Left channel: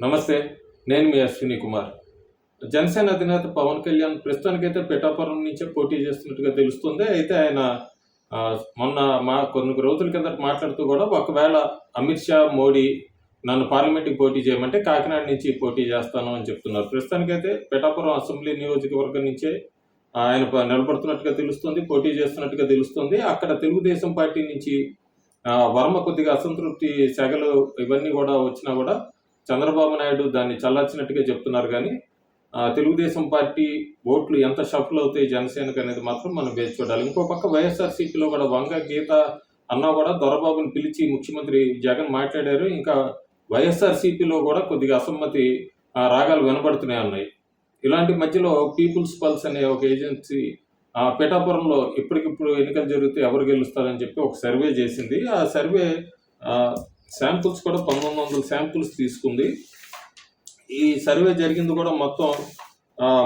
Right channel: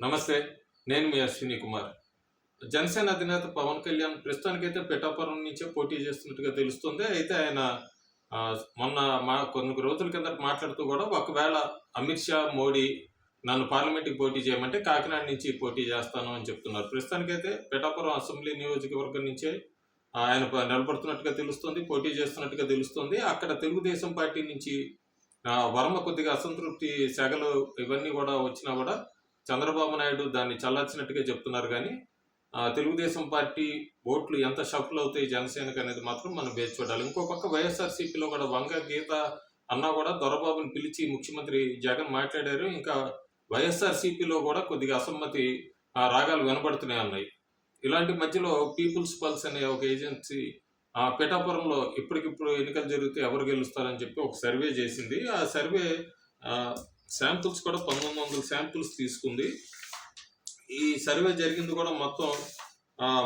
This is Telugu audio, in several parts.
నమస్తే. నేను మీ అశ్విని కుమార్. జనసేన అధినేత పవన్ కళ్యాణ్ ప్రస్తుతానికైతే పిఠాపురం నుంచే పోటీ చేస్తున్నట్టుగా తెలుస్తుంది. అయితే ఆయన మొన్న కొన్ని రోజుల కిందట మాట్లాడుతూ కూడా ఒకవేళ అమిత్ షా, మోడీ నన్ను పార్లమెంట్‌కి పోటీ చేయమంటే కాకినాడ నుంచి పోటీ చేస్తాను అని చెప్తున్నారు. ప్రస్తుతానికైతే పిఠాపురం అసెంబ్లీ నియోజకవర్గం నుంచే ఆయన నిలబడుతున్నట్టుగా తెలుస్తుంది. పోటీ చేస్తున్నట్టుగా తెలుస్తుంది. అక్కడ తెలుగుదేశం పార్టీ నుంచి వర్మ కొద్దిగా అసంతృప్తి సెగలు ఇవన్నీ కూడా వచ్చినా కూడా చంద్రబాబు నాయుడు దాన్ని చల్లార్చినట్టుగా చెప్తున్నారు గానీ, తెలుగుదేశం పార్టీ ఓట్లు ఎంత షఫుల్ అవుతాయి జనసేనకి అనేది మాత్రం మనం వేచి చూడాలి. ఇంకో పక్క వైఎస్ఆర్‌సీపీలో కూడా వంగ గీత అన్నా కూడా దొరబాబుని పిలిచి ముఖ్యమంత్రి జగన్ మాట్లాడారు. ఇంకా వైఎస్ఆర్‌సీపీలో కూడా కొద్దిగా అసమ్మతి రాగాలు వినబడుతూనే ఉన్నాయి. ఇలాంటి మధ్యలో పీపుల్స్ పల్స్ అనే ఒక ఏజెన్సీ పిఠాపురంలో ఇప్పటికిప్పుడు ఎన్నికలు జరిగితే ఎవరు గెలుస్తారని చెప్పి ఒక సర్వే చేసింది. ఆ సర్వే శాంపుల్స్ కూడా 1900 శాంపుల్స్ తీసుకుంది. ఈ సర్వే జరిగింది కూడా మొత్తం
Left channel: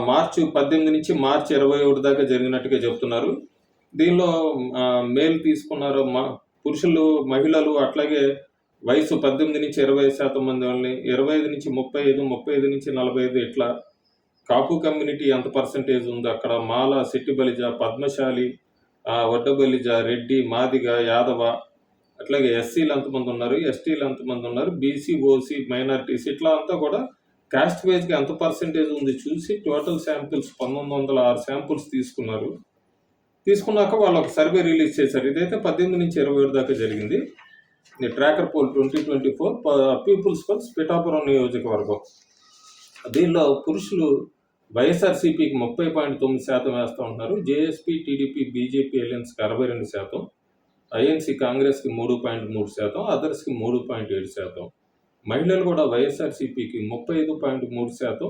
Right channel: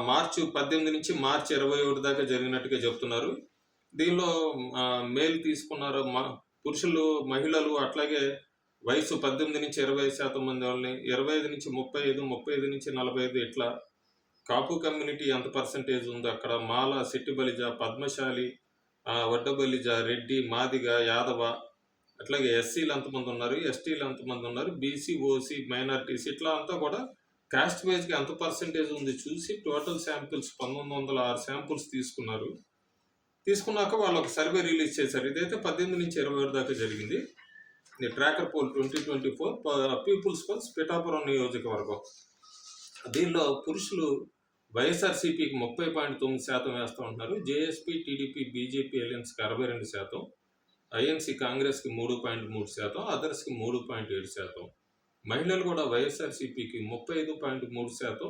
మార్చి 18 నుంచి మార్చి 21 దాకా జరిగినట్టుగా చెప్తున్నారు. దీనిలో మేల్ తీసుకున్నారు, పురుషులు, మహిళలు, అట్లాగే వయసు 18 నుంచి 20% మంది వాళ్ళని, 25 నుంచి 35, 35 నుంచి 45 ఇట్లా కాపు కమ్యూనిటీ ఎంత పర్సెంటేజ్ ఉందో అక్కడ మాల, శెట్టి బలిజ, పద్మశాలి, వడ్డబలిజ, రెడ్డి, మాదిగ, యాదవ, అట్లాగే ఎస్సీలు ఎంతమంది ఉన్నారు, ఎస్టీలు ఎంతమంది ఉన్నారు, బీసీ, ఓసీ, మైనారిటీస్ ఇట్లా అంతా కూడా కాస్ట్ వైజ్గా ఎంత పర్సెంటేజ్ ఉంది చూసి టోటల్ శాంపిల్స్ 1906 శాంపుల్స్ తీసుకున్నారు. తీసుకున్నాక వాళ్ళు ఒక సర్వే రిలీజ్ చేశారు. ఇదైతే 18 నుంచి 27 దాకా జరిగింది. Tracker poll 2024 People's Pulse Pithapuram నియోజకవర్గం. దీనిలో పురుషులు వైఎస్ఆర్‌సీపీకి 30.9% వేస్తూ ఉంటున్నారు. జేఎస్పీ, టీడీపీ, బీజేపీ అలయన్స్కి 62%, ఐఎన్సీ కాంగ్రెస్కి 3.3%, అదర్స్కి 3.7%. మహిళలు కూడా వైఎస్ఆర్‌సీపీకి 35.3%,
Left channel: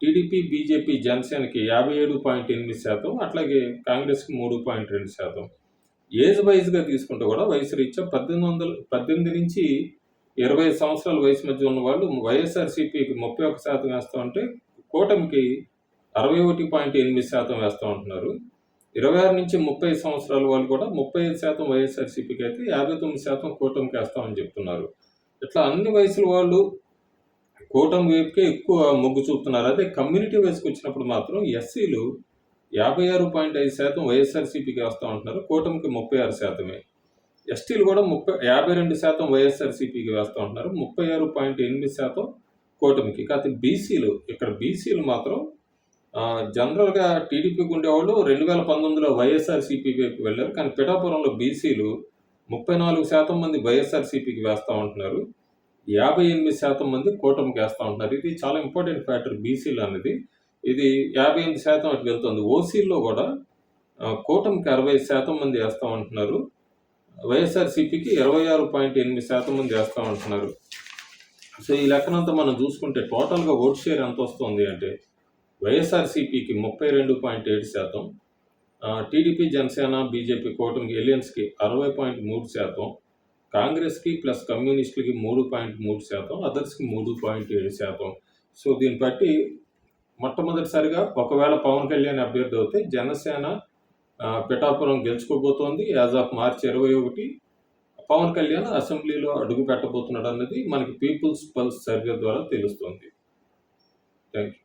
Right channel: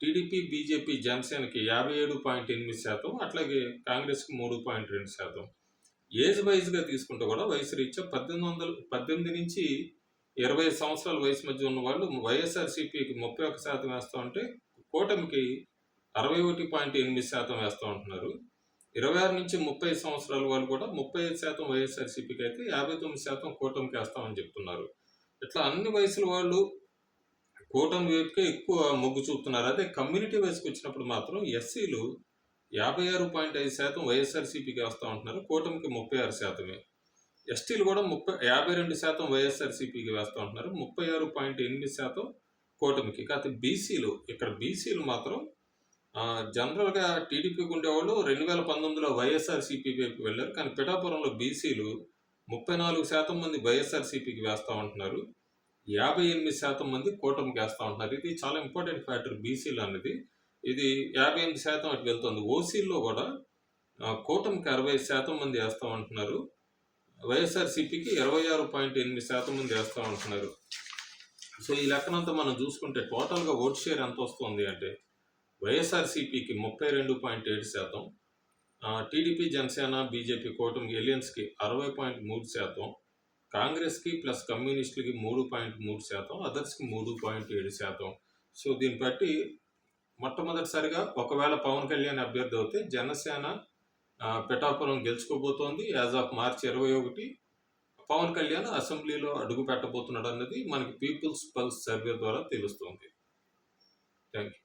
టీడీపీ, బీజేపీ, జనసేనకి 57.8%, అట్లాగే కాంగ్రెస్కి 3.2%. ఏజ్ వైజ్గా తీసుకుంటే కూడా వయసు రీత్యా 18 నుంచి 20 సంవత్సరాల వయసు మధ్య ఉన్న వాళ్ళు వైఎస్ఆర్‌సీపీకి 31% వేస్తూ ఉంటే కూటమికి 61.8% వేస్తూ ఉంటున్నారు. 26 నుంచి 30 సంవత్సరాల వాళ్ళు కూడా 35% వైఎస్ఆర్‌సీపీకి అయితే 59% కూటమికి వేస్తామని చెప్తున్నారు. ఇట్లా అన్ని వయసుల వాళ్ళు కూటమి వైపుకే ఎక్కువ మొగ్గు చూపుతున్నారు. అదే కమ్యూనిటీ వైస్కి వచ్చినప్పుడు మాత్రం ఎస్సీలు 56.5% వైఎస్ఆర్‌సీపీకి వేస్తూ ఉంటున్నారు. కూటమికి 36%. ఎస్టీలు కూడా 52% వైఎస్ఆర్‌సీపీకి వేస్తూ ఉంటున్నారు. 36.8% కూటమికి. కాకపోతే బీసీలు మాత్రం జనరల్‌గా టీడీపీకి ఉండేవాళ్ళు 2019లో వైఎస్ఆర్‌సీపీ వైపు వెళ్ళారు. కానీ పిఠాపురంలో బీసీలు 34% మంది వైఎస్ఆర్‌సీపీకి వేస్తూ ఉంటున్నారు. 58% మంది కూటమికి వేస్తూ ఉంటున్నారు. ఇది చాలా ఇంపార్టెంట్ ఫ్యాక్టర్ బీసీలు అనేది. ఇది 58% అటు వెళ్తుంది. ఓసీల్లో కూడా కూటమికి 60% మంది వేస్తూ ఉంటున్నారు. వైఎస్ఆర్‌సీపీకి 26.8% మంది వేస్తూ ఉంటున్నారు. సో ఈ లెక్కనంతా మనం చూసుకుంటే టోటల్గా ఓట్ షేర్ ఎంత వస్తుంది అంటే వైఎస్ఆర్‌సీపీకి 32.7%, టీడీపీ, జనసేన, బీజేపీ కూటమి ఎలియన్స్కి 60.3%, కాంగ్రెస్కి ప్లస్ కమ్యూనిస్టులకి 3.3%, అదర్స్కి 3.7%. సో దీన్ని బట్టి మొట్టమొదటిసారిగా ఒకవేళ పవన్ కళ్యాణ్ అభ్యర్థి అవుతే జనసేన పిఠాపురం గెలుచుకోబోతోంది. యాజ్ ఆఫ్ మార్చి 21 పవన్ కళ్యాణ్ అసెంబ్లీలో అడుగు పెట్టబోతున్నాడు అన్నది మనకి పీపుల్స్ పల్స్ సర్వే ద్వారా తెలుస్తుంది. Thank you.